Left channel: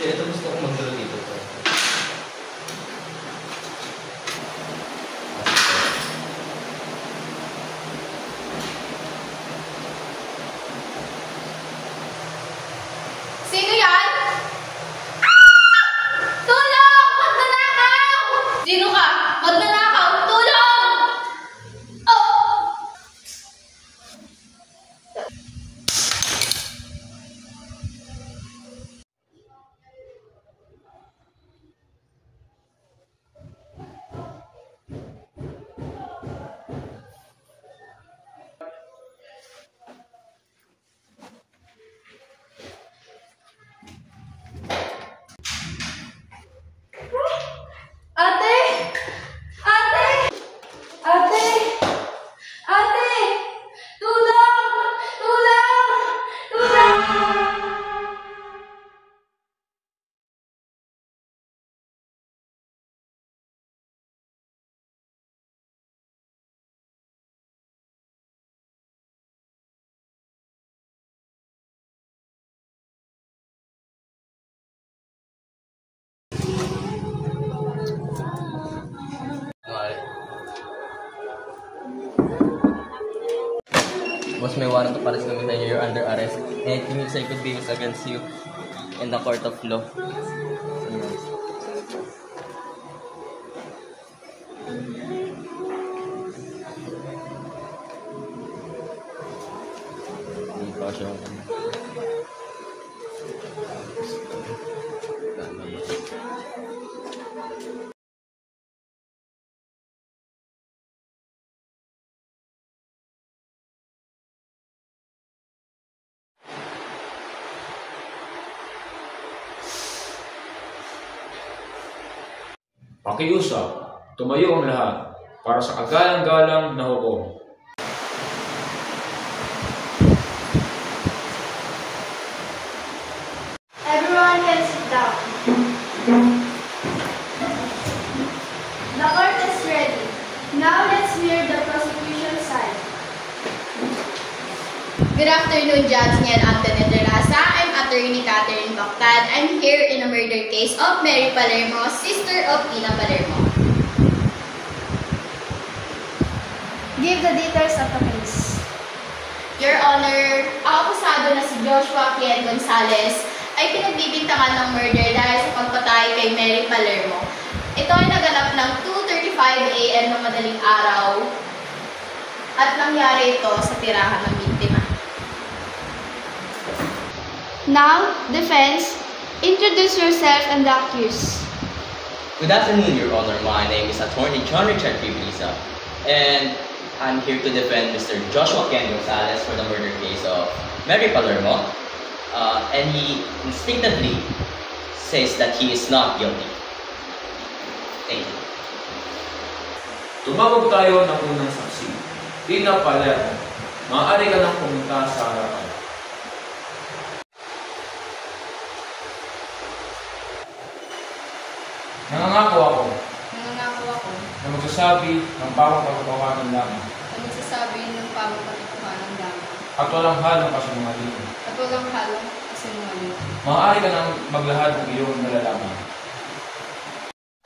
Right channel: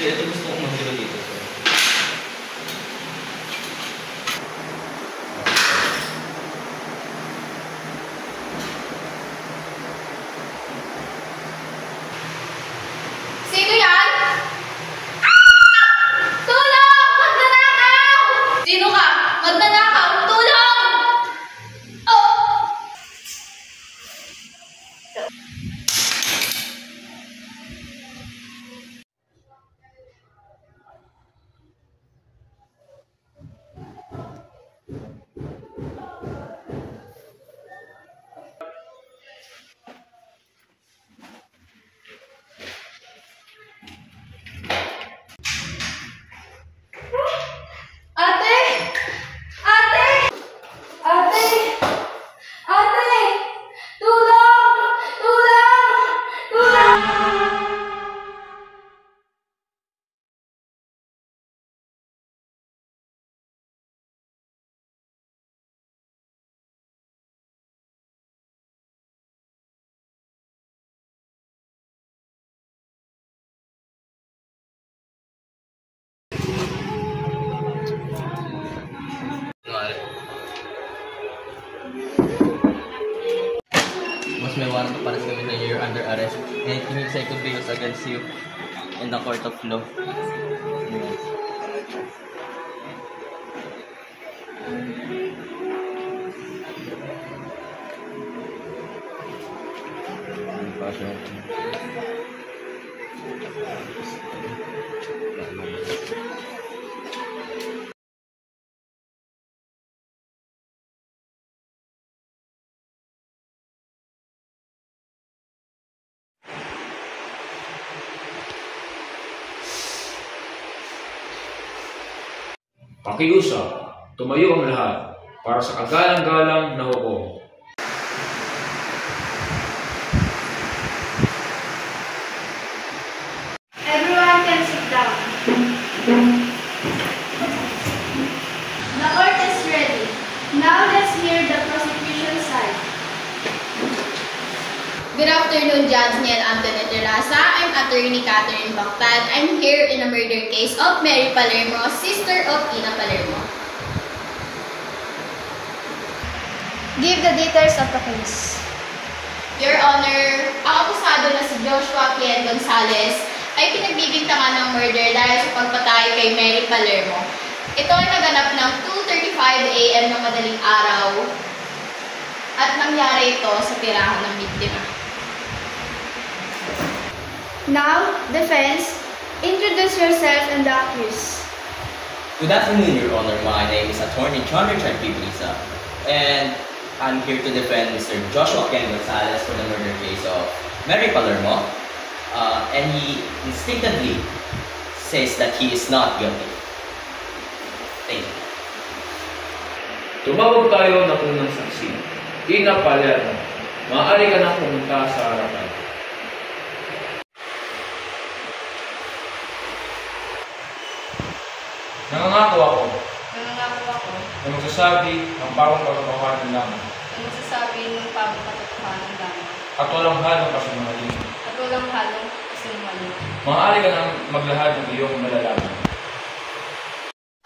Ito gusto kong mag-zero dito. Sino yan? Tulong! Magnanakaw! Sino ka? Magnanakaw! Tulong! Oh! Ate! Ate! Ate! Ate! Tulong! Tulong! Tulong! Boss, may warrant of arrest kami na you're under arrest. And it means I could be used against you in the court of law. Hindi pa siya. Pakiusap, tumayo ang lahat para sa kagalang-galang na hukom. Everyone can sit down. The court is ready. Now let's hear the prosecution side. Good afternoon, Judge Niel Anthony Terraza. I'm Attorney Catherine Bactad. I'm here in a murder case of Mary Palermo, sister of Ina Palermo. Give the details of the case. Your Honor, ang akusado na si Joshua Kien Gonzalez ay pinagbibintangan ng murder dahil sa pagpatay kay Mary Palermo. Ito ay naganap ng 2:35 AM ng madaling araw at nangyari ito sa tirahan ng biktima. Now, defense, introduce yourself and the accused. Good afternoon, Your Honor. My name is Attorney John Richard Piblisa, and I'm here to defend Mr. Joshua Kien Gonzalez for the murder case of Mary Palermo, and he instinctively says that he is not guilty. Thank you. Tumawag tayo ng unang saksi. Ina Palermo, maaari ka nang pumunta sa harapan. Nangangako ako na magsasabi ng pawang katotohanan lamang at walang halong kasinungalingan. Maaari ka nang maglahad ng iyong malalaman.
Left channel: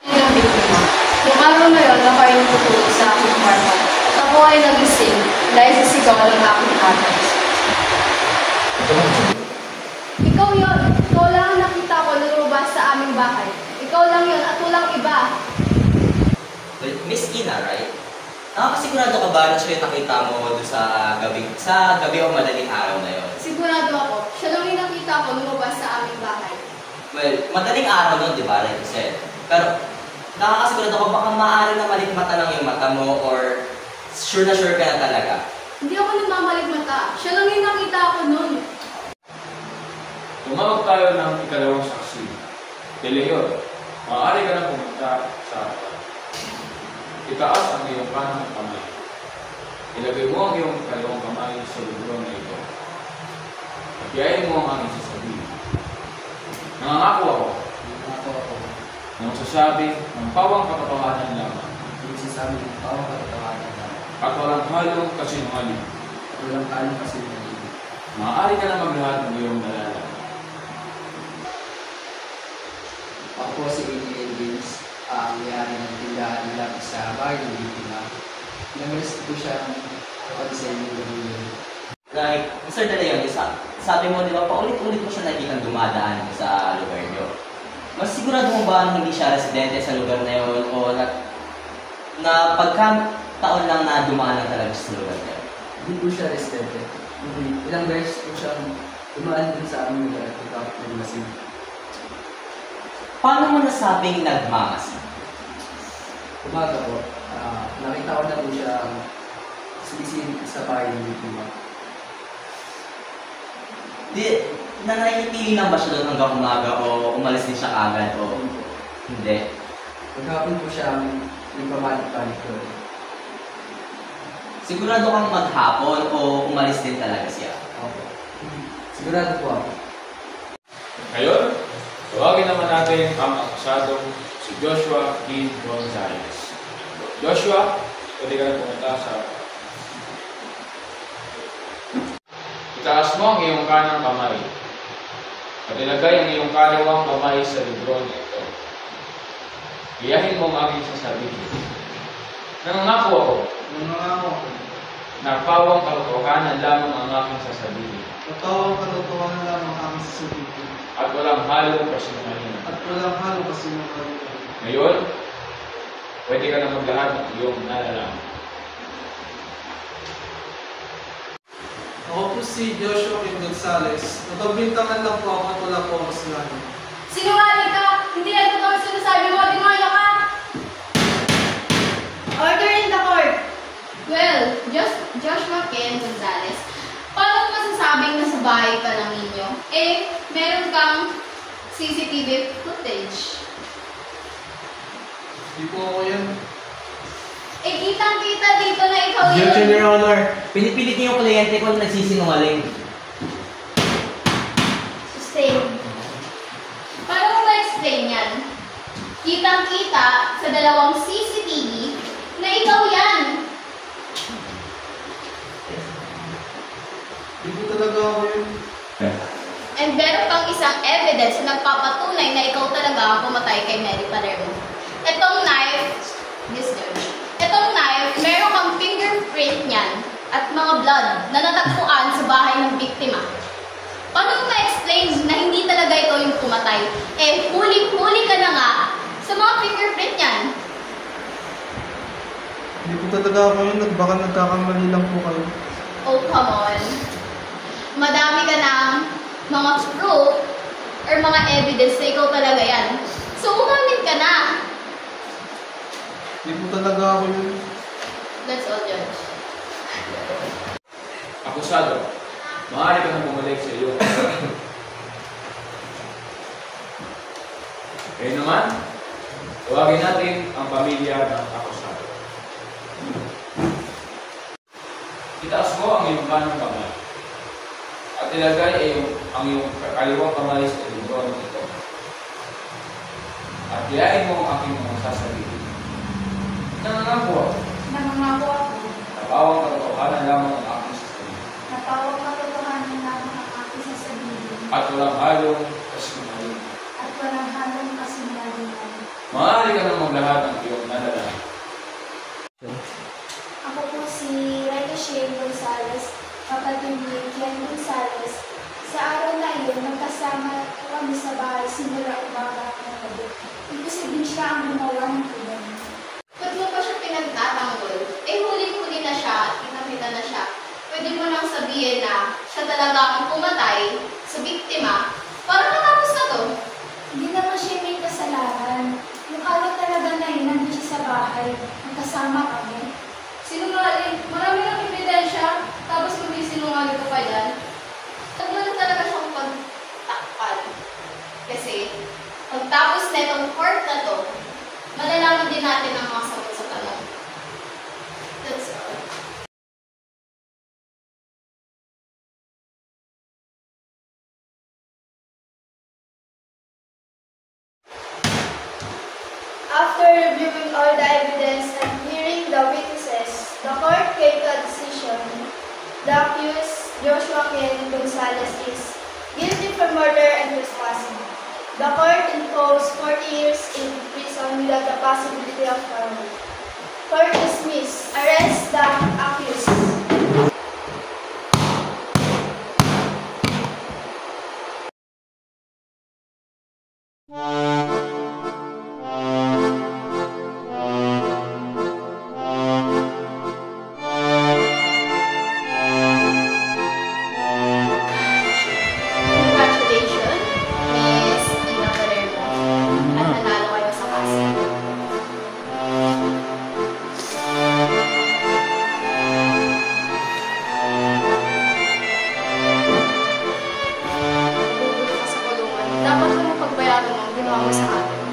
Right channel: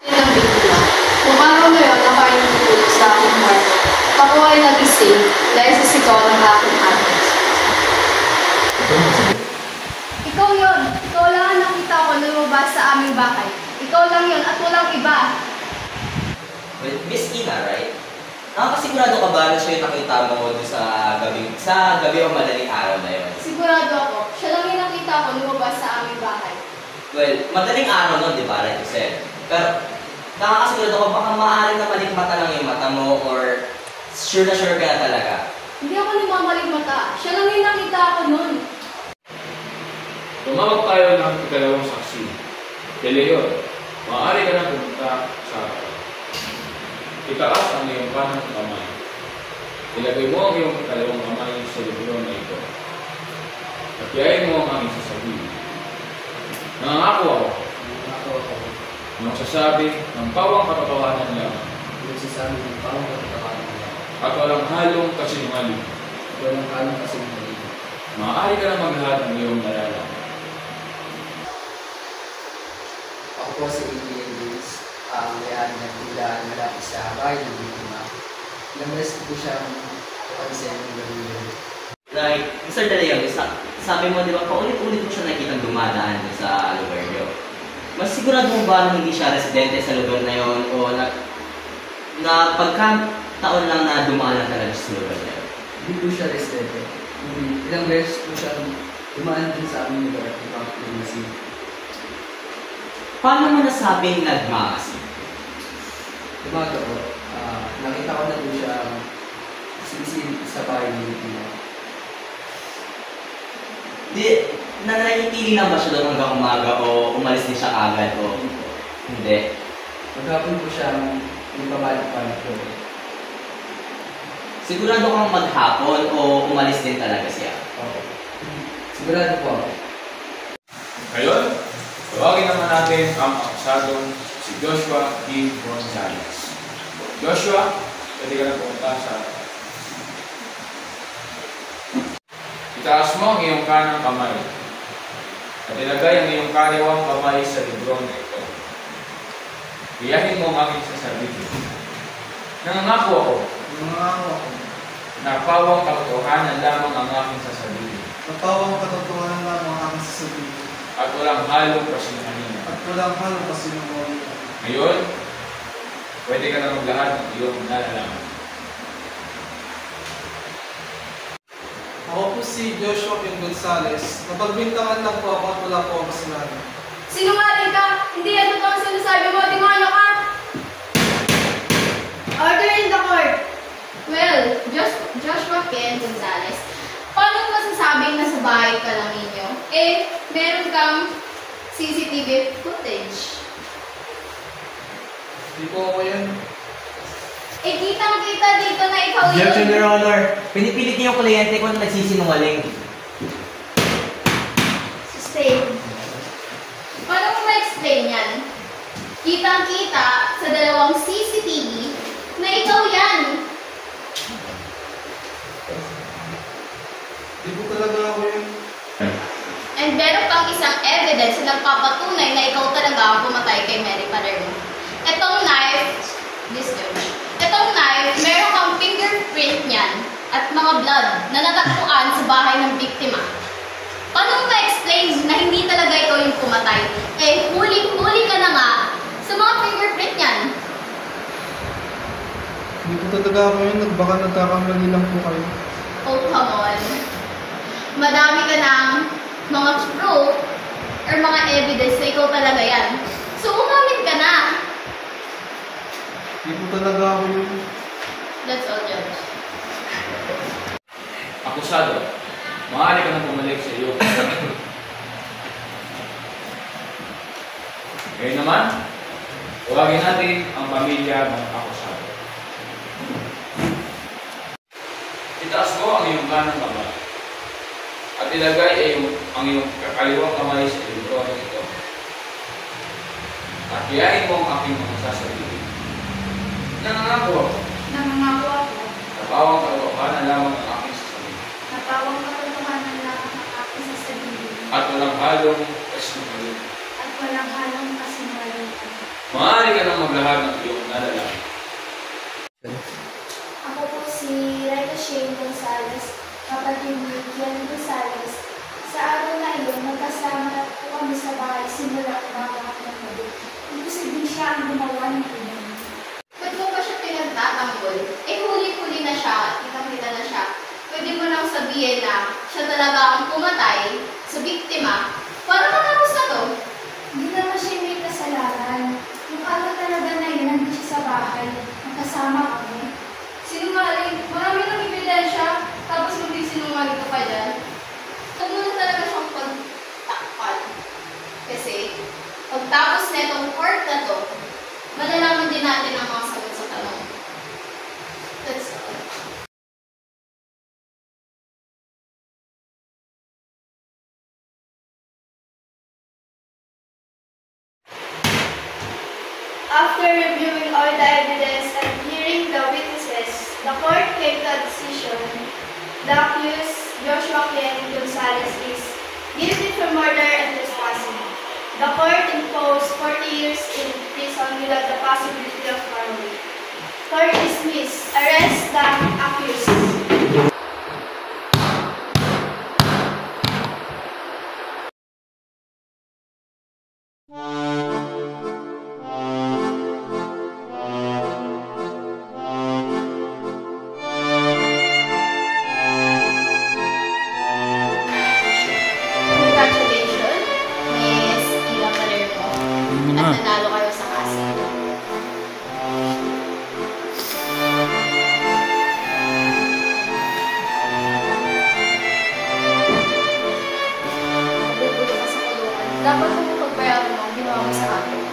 Ng biktima. Noong araw na yun, ako ay natutulog sa aking kwarto. Ako ay nagising dahil sa sigaw ng aking ate. Ikaw yun. Ikaw lang ang nakita ko lumabas sa aming bahay. Ikaw lang yun at walang iba. Well, Miss Ina, right? Nakakasigurado ka ba na siya yung nakita mo doon sa gabi o madaling araw na yun? Sigurado ako. Siya lang yung nakita ko lumabas sa aming bahay. Well, madaling araw nun, di ba? Like you said. Pero, nakakasigurado ka baka maaari na malikmata lang yung mata mo or sure ka na talaga? Hindi ako nagmamaligmata. Siya lang yung nakita ko nun. Tumawag tayo ng ikalawang saksi. De Leon, maaari ka nang pumunta sa harapan. Itaas ang iyong kanang kamay. Ilagay mo ang iyong ikalawang kamay sa libro na ito. At yayin mo ang aming sasabihin. Nangangako ako na magsasabi ng pawang katotohanan lamang. At walang halong kasinungaling. Maaari ka na maglahad ng iyong nalalaman. Ako po si Adrian James, ang may-ari ng tindahan malapit sa bahay ng biktima. Namalis po siyang pag-isay ng gabi yun. Like, Mr. De Leon, sabi mo, di ba, paulit-ulit mo siya nakikitang dumadaan sa lugar niyo. Mas sigurado mo ba na hindi siya residente sa lugar na yun o na pagkataon lang na dumaan lang talaga sa lugar na yun? Hindi po siya residente. Hindi. Ilang beses po siya dumaan din sa aming lugar at ipapagpilisin. Paano mo nasabing nagmamasid? Umaga po, nakita ko na po siya sisisid sa bahay ng biktima. Nananatili lang ba siya doon hanggang umaga o umalis din siya agad o hindi? Maghapon po siya nagpabalik-balik doon. Sigurado kang maghapon o umalis din talaga siya? Okay. Sigurado po ako. Ngayon, tawagin naman natin ang akusadong si Joshua D. Gonzales. Joshua, pwede ka na pumunta sa... Itaas mo ang iyong kanang kamay at ilagay ang iyong kaliwang kamay sa librong ito. Iyahin mo ang aking sasabihin. Nangangako ako na pawang katotohanan lamang ang aking sasabihin. Napawang katotohanan lamang ang aking sasabihin. At walang halong pasinungalingan. At walang halong pasinungalingan. Ngayon, pwede ka na maglahad ng iyong nalalaman. Ako po si Joshua Ken Gonzales. Napagbintangan lang po ako at wala po ang kasalanan. Sinungaling ka! Hindi yan totoo ang sinasabi mo, demonyo ka! Order in the court! Well, Joshua Ken Gonzales, paano masasabing nasa bahay ka lang ninyo? Eh, meron kang CCTV footage. Hindi po ako yan. Eh, kitang-kita dito na ikaw yun. Objection, Your Honor. Pinipilit niyo yung kliyente ko na nagsisinungaling. Sustain. Paano mo ma-explain yan? Kitang-kita sa dalawang CCTV na ikaw yan. Hindi po talaga ako yun. And meron pang isang evidence na nagpapatunay na ikaw talaga ang pumatay kay Mary Palermo. Etong knife, etong knife, meron kang fingerprint niyan at mga blood na natagpuan sa bahay ng biktima. Paano mo ma-explain na hindi talaga ikaw yung pumatay? Eh, huli ka na nga sa mga fingerprint niyan. Hindi po talaga ako yun. Baka nagkakamali lang po kayo. Oh, come on. Madami ka ng mga proof or mga evidence na ikaw talaga yan. So, umamin ka na. Hindi po talaga ako yun. That's all, Judge. Akusado, maaari ka na bumalik sa iyo. Ngayon naman, tawagin natin ang pamilya ng akusado. Itaas mo ang iyong kanang kamay at ilagay ang iyong kaliwang kamay sa libro ito. At iyain mo ang aking mga sasabihin. Nangangako ako. Nangangako ako. Napawang katotohanan lamang ang aking sasabihin. Napawang katotohanan lamang ang aking sasabihin. At walang halong kasinungalingan. At walang halong kasinungalingan. Maaari ka nang maglahad ng iyong nalalaman. Ako po si Raika Shane Gonzales, kapatid ni Kian Gonzales. Sa araw na iyon, magkasama po kami sa bahay simula umaga hanggang gabi. Ibig sabihin siya ang gumawa ng ilan. Ba't mo pa siya pinagtatanggol? Eh, huli-huli na siya at pinamita na siya. Pwede mo nang sabihin na siya talaga ang pumatay sa biktima para matapos na to. Hindi naman siya may kasalanan. Yung araw talaga na yun, nandun siya sa bahay. Magkasama kami. Sinungaling, marami ng ebidensya, tapos hindi sinungaling ka pa dyan. At mo na talaga siyang pagtakpan. Kasi, pagtapos na itong court na to, malalaman din natin ang mga sagot sa tanong. That's all. After reviewing all the evidence and hearing the witnesses, the court came to a decision. The accused, Joshua Ken Gonzales, is guilty for murder and trespassing. The court imposed 40 years in prison without the possibility of parole. Court dismissed. Arrest the accused. Congratulations, Miss Ina Palermo. At nanalo kayo sa kaso. Mabubulo ka sa kulungan. Dapat mo pagbayaran mo ang ginawa mo sa akin.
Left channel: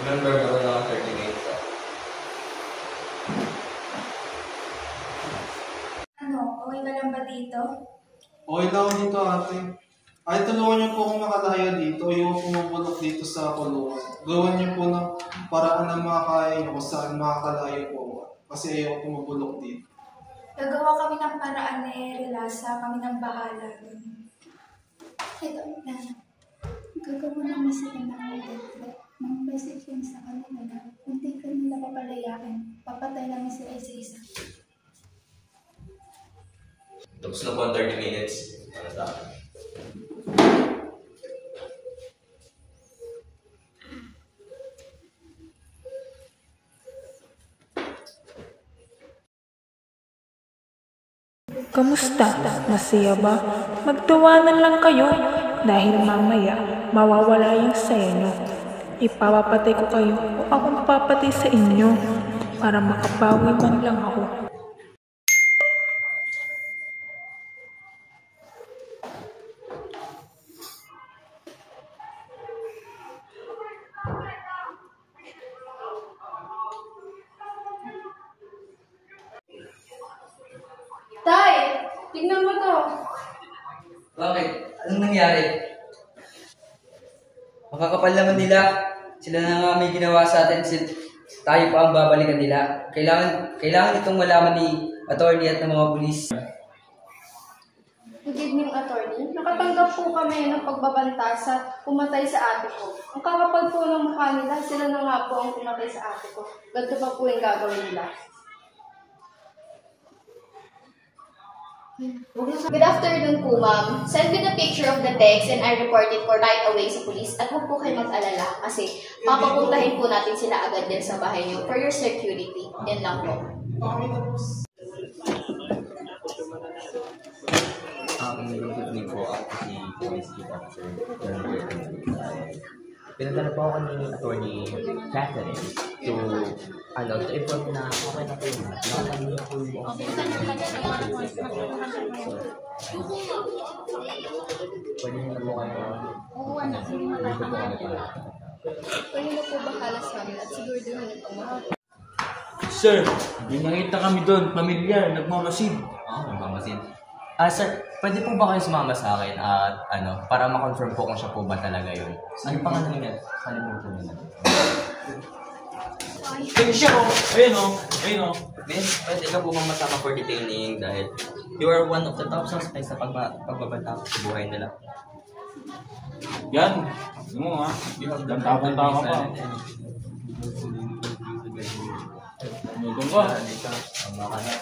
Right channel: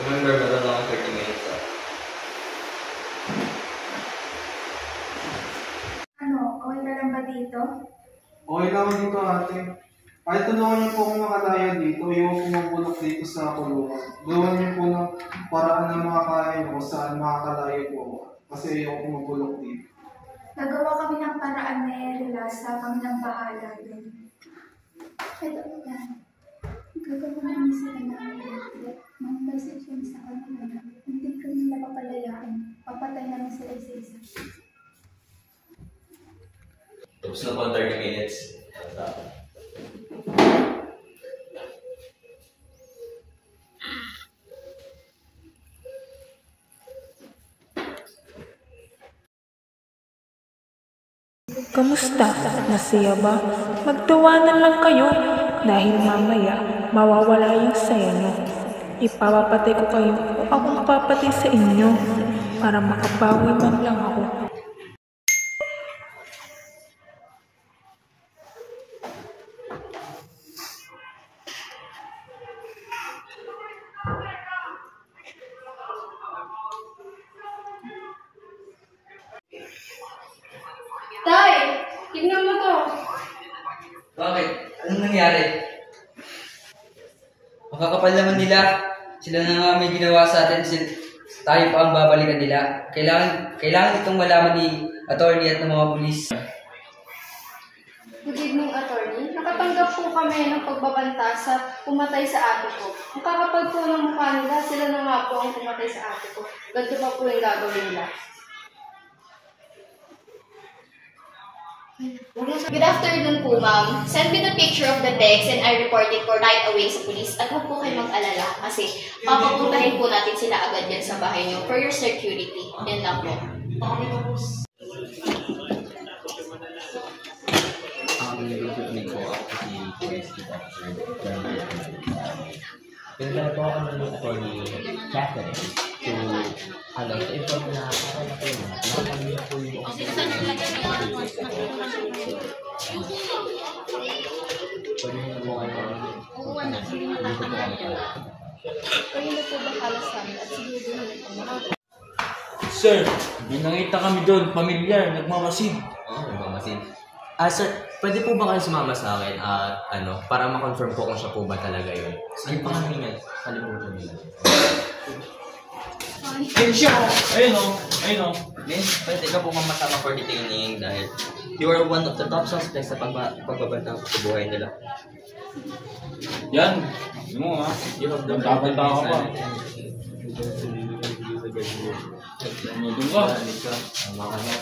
Remember, meron lang ang 30 minutes. Ano, okay ka lang ba dito? Okay lang ako dito, ate. Ay, tulungan niyo po akong makalaya dito. Ayaw ko mabulok dito sa kulungan. Gawan niyo po ng paraan na makakaya niyo kung saan makakalaya po ako. Kasi ayaw ko mabulok dito. Nagawa kami ng paraan na relasa, kami ng bahala dun. Ito na. Gagawa namin sila ng ulit. Mga message sa kanila na kung di ka nila papalayain, papatay namin sila isa-isa. Tapos na po ang 30 minutes. Ano sa akin? Kamusta? Masaya ba? Magtawanan lang kayo dahil mamaya mawawala yung saya nyo. Ipapapatay ko kayo o ako mapapatay sa inyo para makabawi man lang ako. Tay! Tignan mo to! Bakit? Anong nangyari? Makakapal naman nila. Sila na nga may ginawa sa atin. Tayo pa ang babalikan nila. Kailangan itong malaman ni attorney at ng mga pulis. Good evening, attorney. Nakatanggap po kami ng pagbabanta sa pumatay sa ate ko. Ang kakapal po ng mukha nila, sila na nga po ang pumatay sa ate ko. Ganito pa po yung gagawin nila. Good afternoon po, ma'am. Send me the picture of the text and I report it for right away sa police. At huwag po kayo mag-alala kasi papapuntahin po natin sila agad yan sa bahay niyo for your security. Yan lang po. Good evening po. Ako po si Police Chief Officer John. Pinadala po ako ng attorney Catherine to inform na okay na po yun. Nakapagin na po yung pwede nyo na po kayo. Dito po kami pala. Kayo na po bahala sa amin at siguro din nila pang Sir, may nakita kami doon. Pamilyar, nagmamasid. Oo, nagmamasid. Sir, pwede po ba kayo sumama sa akin at para ma-confirm po kung siya po ba talaga yun? Ano pangalan niya? Salimutan nila. Ayun o. Miss, pwede ka po masama for detaining dahil you are one of the top suspects sa pagbabantang sa buhay nila. Yan. Ano mo ha? Banta-banta ka pa. Ano doon ka? Tama ka na.